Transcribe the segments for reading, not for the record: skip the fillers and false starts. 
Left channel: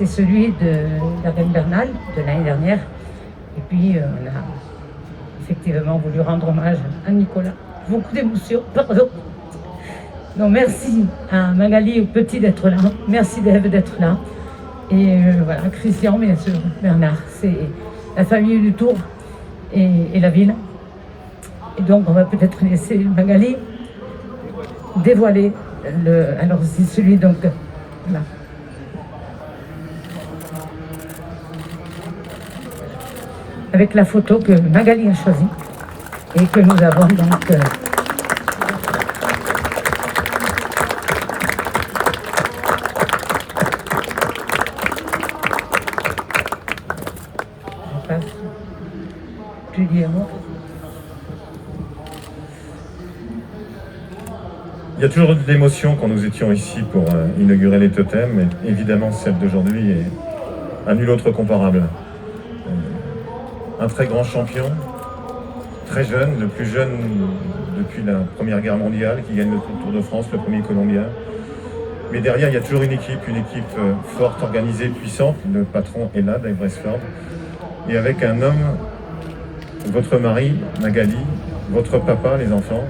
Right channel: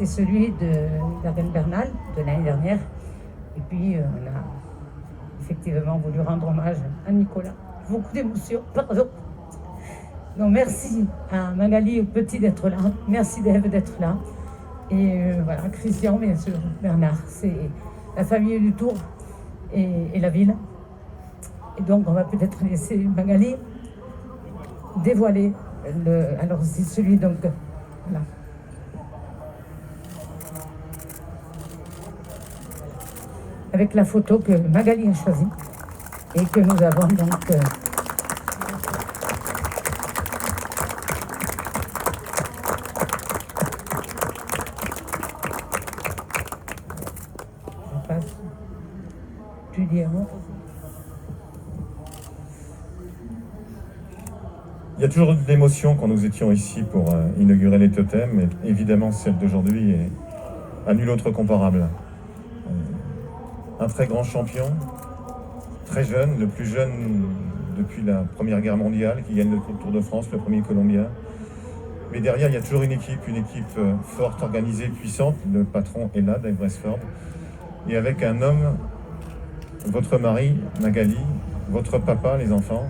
c'est celui de la Reine Bernal de l'année dernière. Et puis, on a effectivement voulu rendre hommage à Nicolas. Beaucoup d'émotions, pardon. Donc, merci à Magali et au petit d'être là. Merci d'Ève d'être là. Et voilà, Christian, bien sûr, Bernard. C'est la famille du Tour et la ville. Et donc, on va peut-être laisser Magali dévoiler alors, c'est celui donc. Voilà. Avec la photo que Magali a choisie et que nous avons donc. Tu dis à moi. Il y a toujours de l'émotion quand nous étions ici pour inaugurer les totems. Et évidemment, celle d'aujourd'hui est à nul autre comparable. Un très grand champion, très jeune, le plus jeune depuis la Première Guerre mondiale, qui gagne le Tour de France, le premier Colombien. Mais derrière, il y a toujours une équipe forte, organisée, puissante. Le patron est là, Dave Brailsford. Et avec un homme, votre mari, Magali, votre papa, les enfants,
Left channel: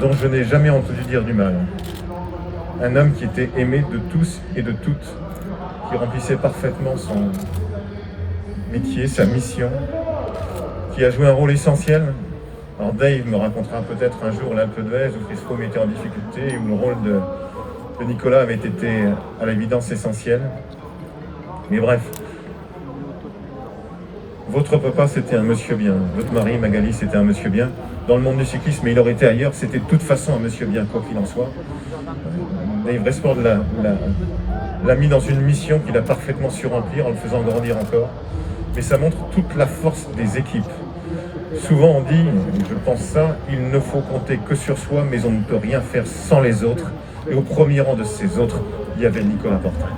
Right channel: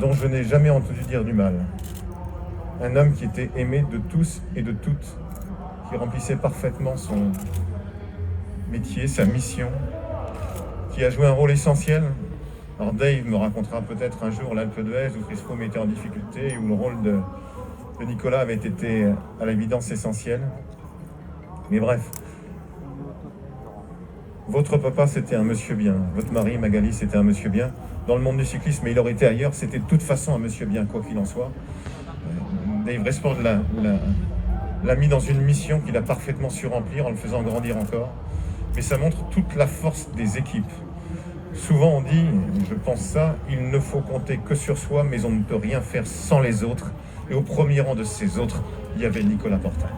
dont je n'ai jamais entendu dire du mal. Un homme qui était aimé de tous et de toutes, qui remplissait parfaitement son métier, sa mission, qui a joué un rôle essentiel. Alors Dave me racontera peut-être un jour l'Alpe d'Huez où Chris Froome était en difficulté, où le rôle de Nicolas avait été à l'évidence essentiel. Mais bref, votre papa c'était un monsieur bien, votre mari Magali c'était un monsieur bien. Dans le monde du cyclisme, mais il aurait été ailleurs, c'était de toute façon un monsieur bien, quoi qu'il en soit. Dave Brailsford l'a mis dans une mission qu'il a parfaitement su remplir en le faisant grandir encore. Mais ça montre toute la force des équipes. Souvent on dit, je pense ça, il ne faut compter que sur soi, mais on ne peut rien faire sans les autres. Et au premier rang de ces autres, il y avait Nicolas Portal.